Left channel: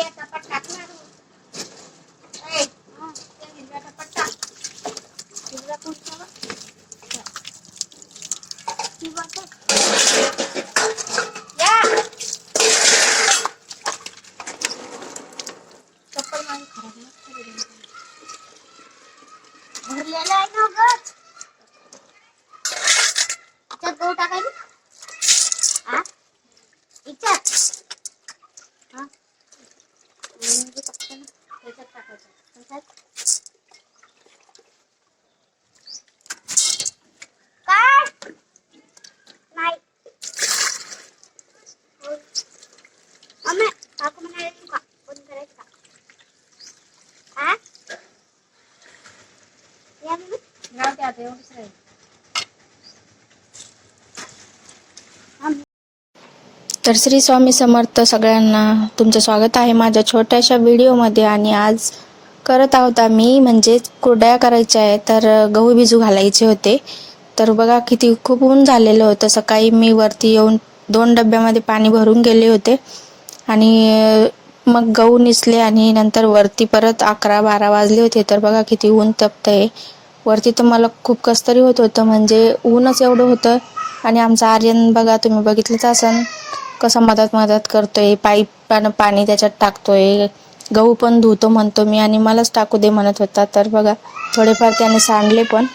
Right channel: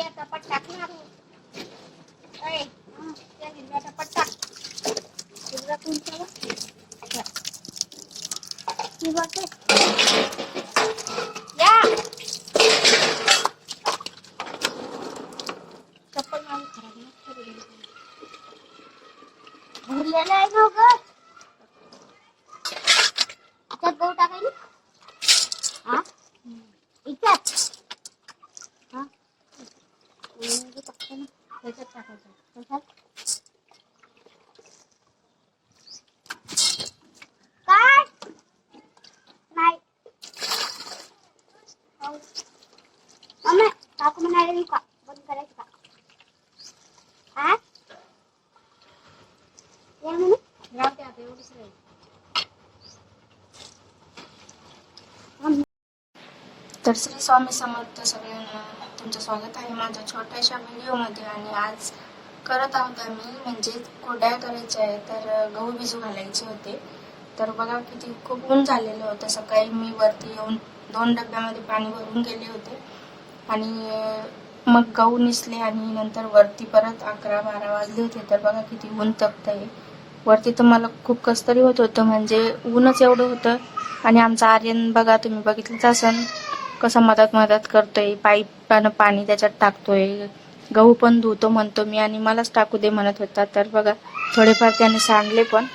याचा पट्टा टाकणार आहे. त्या हिरव्याचा पट्टा हिरवा कोणता चप्पल माझी खराब नाही भरलेला आहे ना ग. त्यात गहू टाकायला हा इच्यात हा त्याच्यात टाकायचं काय नाही अम्मा काकू म्हणाले का बंद करायचं का हा या म्हणून राहते आता एवढंच राहील. तर श्री स्वामी समर्थ सगळ्यांना तुमचं स्वागत आहे माझ्या छोट्याशा व्हिडिओमध्ये. आणि आज करत आहोत आम्ही म्हणजेच कुरडया करायच्या आहे. तर गहू भिजू घालायचे होते. तर बघा किती खूप ऊन झालेलं होतं. सकाळी मी वरती येऊन 2 डब्यामध्ये पाणी भरून गेले होते आणि मग गहू निसले आणि नंतर वरती परत 11-12 वाजले होते. तर बघा किती ऊन तपतंय वरती. तर मला खूप कसतरी होत होतं म्हणजे ऊनच एवढं होतं. आणि आमचा आर्यन बघा तुम्ही बघितलंच असन कसं मदत करतोय, पाईपानं पाणी त्याच्यात टाकतोय, गहू पण धुतो म्हणतो मी आणि मलाच टाकू दे म्हणत होता. तर बघा थोडेफार त्याने सांडले पण.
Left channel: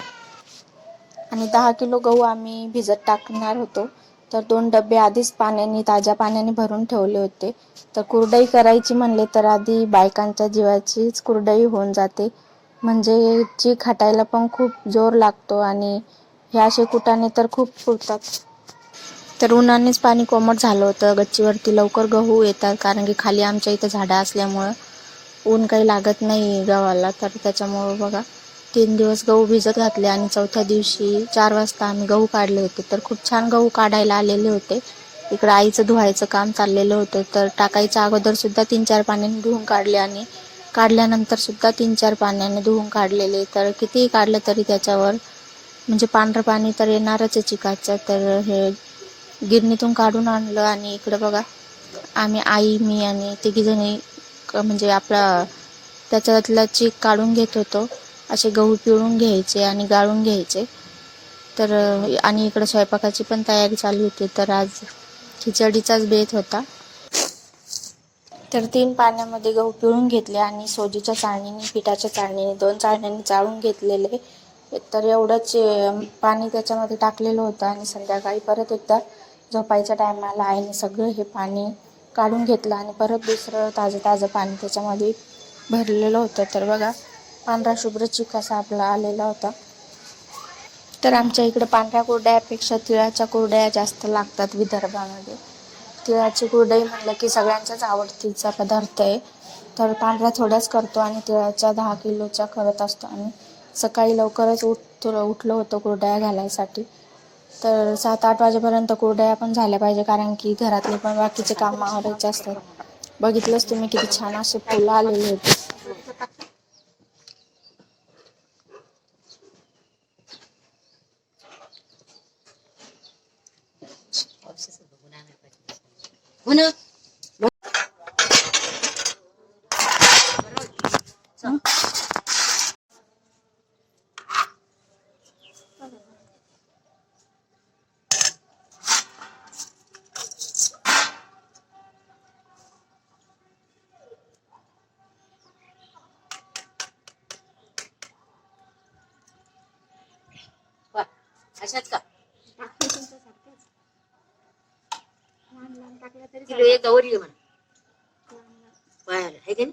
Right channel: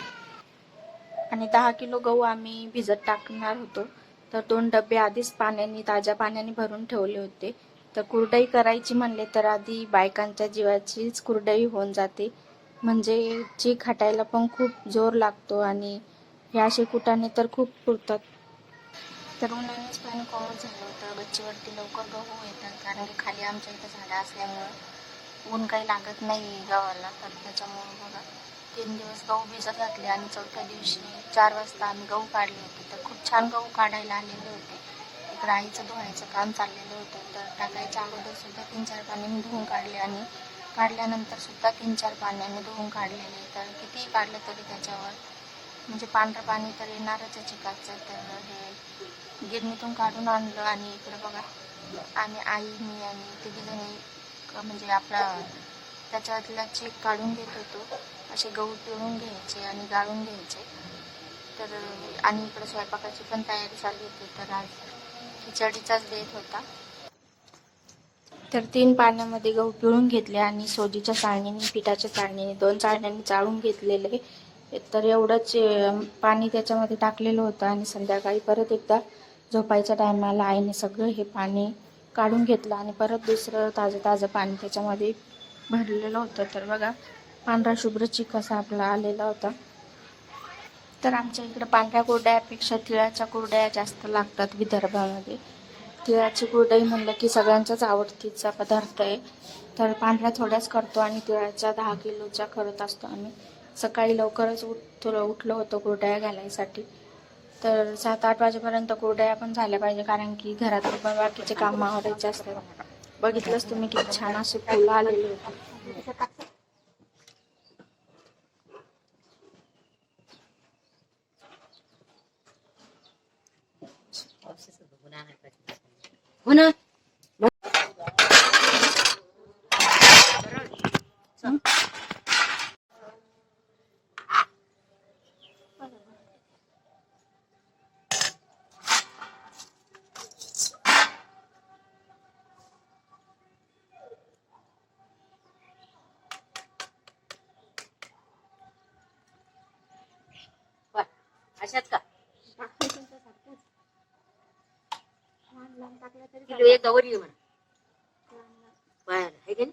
आणि 10 किलो गहू आम्ही भिजत टाकणार होतो. तर 2 डबे आधीच ताज्या पाण्याने भरून ठेवले होते. तर कुरडई करायची म्हणले तर आधी बायकांच्या जीवाचीच कुरडई होऊन जाते. म्हणजे चीक खाटायला पण खूप जोर लागतो आणि हे असे कुटाणे तर खूप फुटतात. तर उन्हानेच पाणी कोमट झालं होतं. गच्चीवरती लवकर गहू येतात कारण की खाली आमच्या इथं झाडं असल्यामुळं ऊन काही लागत नाही गव्हाला. तर त्याच्यामुळं बघा 3 दिवस गहू भिजत घातले आणि चौथ्या दिवशी 4 वाजता आम्ही गहू काढले होते. तर खूप छान गहू काढायला आलेले होते. इकडं आईचं धुवायचं काम चाललेलं होतं. तर टाकायच्या अगोदर सुद्धा 3-4 पाण्याने धुवून काढले आणि काढल्यानंतर सुद्धा 3-4 पाण्याने धुवून काढलेले. तर कितीही काढलं तरी त्याच्यावर म्हणजे पांढरं पाणी तर येणारच आहे चिकाचं. तर हे गिरणीतून काढून आणलं आणि इकडे बघा आम्ही आई मी आणि तिघीजणी म्हणजे आपला त्याच्यातला चीक काढून घेत होतो. असे गहू पिळून घ्यायचे आणि गाळून घ्यायचे. तर आणि इकडे स्वयंपाकाची पण तयारी चालू होती. तर आज खिचडीचाच बेत होता. तर 3 पाण्यामध्ये गहू पिळून घेतले आणि सोजीच्या चाळणीने पिठाच्या चाळणीने 2 चाळण्यांनी चाळून घेतलेले. तर एवढंच पाणी त्याच्यामध्ये टाकलेलं होतं आणि संध्याकाळी परत एकदा झोपायच्या टायमाला आईने सगळं हे पाणी काढून घेतलं आणि परत दुसरं ताजं पाणी त्याच्यामध्ये भरलेलं होतं. तर बघा पांढरा शुभ्र चीक असा आपला आलेला होता. तर आमच्या इकडं पांढऱ्या कुरडयापेक्षा तिळाच्या कुरडया जास्त लागतात विदर्भामध्ये. तिळाची कुरडई म्हणलं की सगळ्यांच्याच आवडतीचा पदार्थ आहे. तर पांढऱ्या थोड्याच करतो आणि तिळाच्या 10 किलोच्या करत असतो आम्ही. सकाळी लवकरच उठलो होतो कुरडया घालायसाठी. तर 7-8 वाजेपर्यंत कुरडया पण झाल्या पाहिजे कारण की घरातले पण बाकीचे काम आवरायचे असतात. बघितलंच तुम्ही किती छान असे फुलं आलेले होते. अशाच का किलो एक गवरी म्हणा बरं आहे की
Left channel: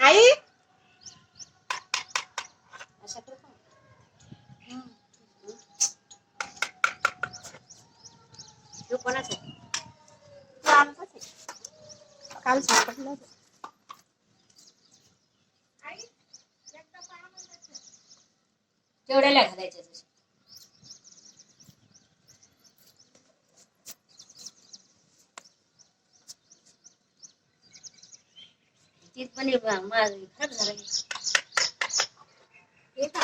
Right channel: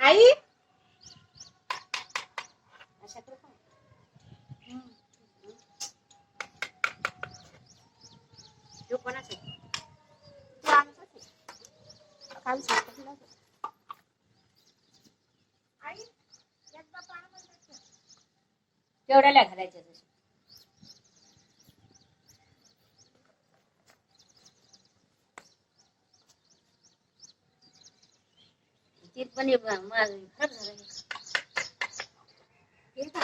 आई अशा कोणाच काल सापडलं केवढ्याला घालायचं तसं ती पण खराब झालं एक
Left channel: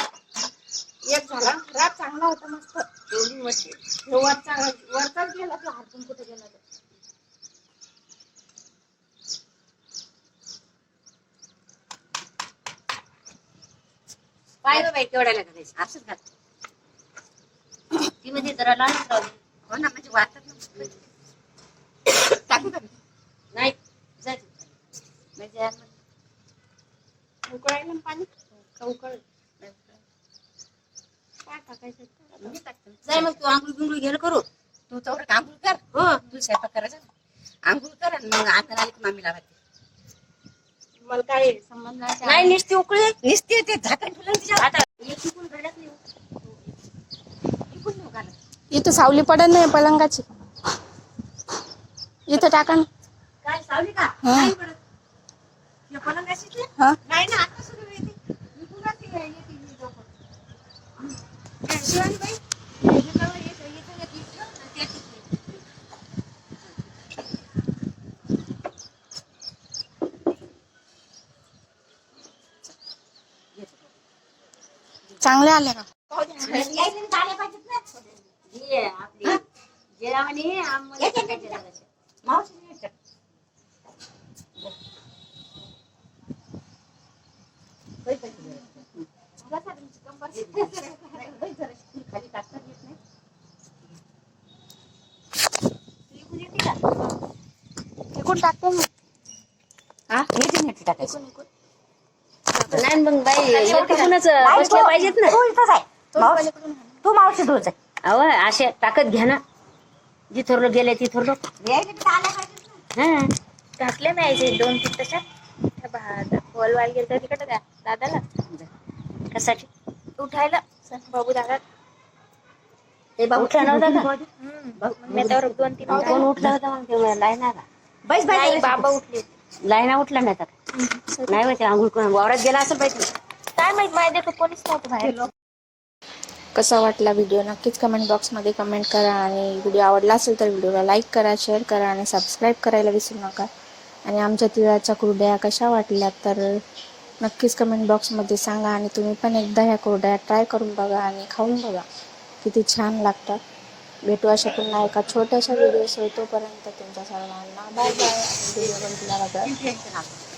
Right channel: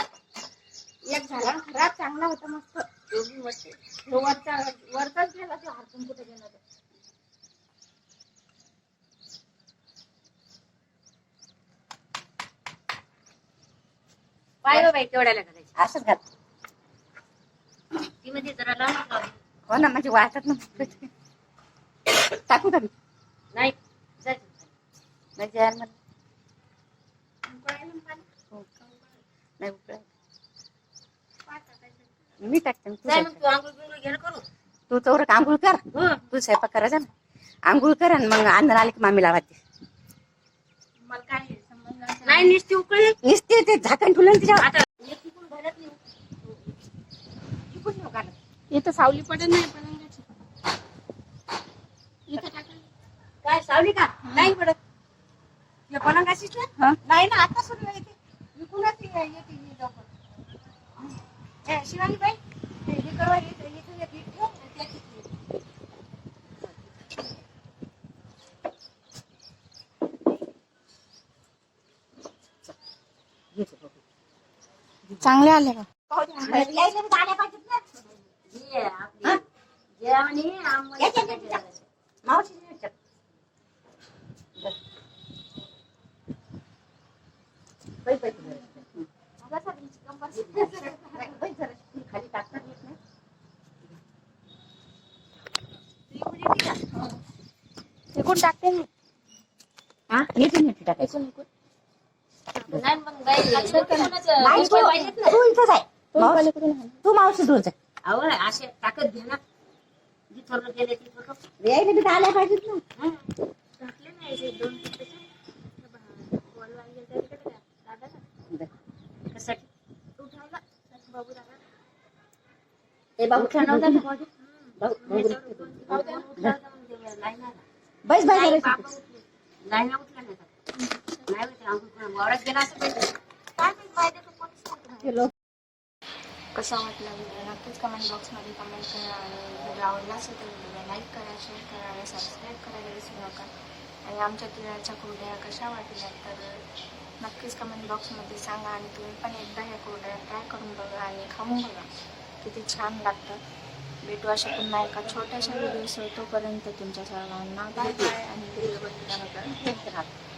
झाला खराब चांगला होता मस्त एवढी मस्त वरचाच गेला तो हरपून कुठे गेला तो पाय बाई केवढ्याला घालायचं असंच घाल. ती म्हणजे जरा लहानच राहू दे. हो ना म्हणजे वाटत ना टाकू का मी? नाही जायचं म्हणजे यार मग उकळायला पाणी का उकळ नाही उकळ काय टाकायचं मी टाकते जाय मग तू आंघोळ बिंघोळ घ्यायला करू तू तर आंघोळ कर. हो तू स्वयंपाक करायचा ना आंघोळ कर आणि मग अंदर आली की मामी लावायची. मला काय संबंध नाही नाही नुसती उकळी निसते ते झाकण ठुलं तिच्या आता एक तिकून घालत नाही इथं सावली पडत नाही पलंगाची इथं टाका ना. काय सावली का नाही पडत हे पलंगाशीच हा नाही ना आता सगळं येते मी पुन्हा ती येते शिवानी बाई हे कवा येते येते आणि त्याची चांगले आले का इकडून टाकते मी टाकायचं नाही मग बाई कोणाच बसले पाहिजेत ना तू इथंच आहे पलीकडून आणा. तू मावशी दूर जाय अव असे ताकद घ्या ना जिथोरलं गेले तिथोरलं यायला बी आल्या पाहिजेत ना. हा घातले नाही 2-3 तशात बोलवायला गेलं तर तिकडे का दादाला कशाची उठायला बाबू दादा ते बाबू उठला नव्हता का मी त्यावर 2-3 कोण उठला होता मग तेव्हा लाईना का बैस नाही बाय बाबा उठले लाईना उठला नाही का नाही होते आंघोळ करून वावरात गेला असं पाहिजे काय माहित माहिती का कोणीच नव्हतं बाहेर. कसा वाटला व्हिडिओ नक्कीच कमेंट बॉक्समध्ये कमेंट करा आणि व्हिडिओ आवडला असेल तर व्हिडिओला लाईक करा शेअर करा आणि सबस्क्राईब करायला विसरू नका. आणि आमच्या तिळाच्या कुरड्या कशा वाटल्या तर नक्कीच कमेंट बॉक्समध्ये सांगा आणि तुम्ही पण एकदा ह्या कुरड्या ट्राय करून बघा आणि खाऊन बघा किती छान लागतात. भेटू अशा पुन्हा एका छोट्याशा व्हिडिओसह तोपर्यंत तुमच्या सर्वांना बाय बाय आणि व्हिडिओ बघितल्याबद्दल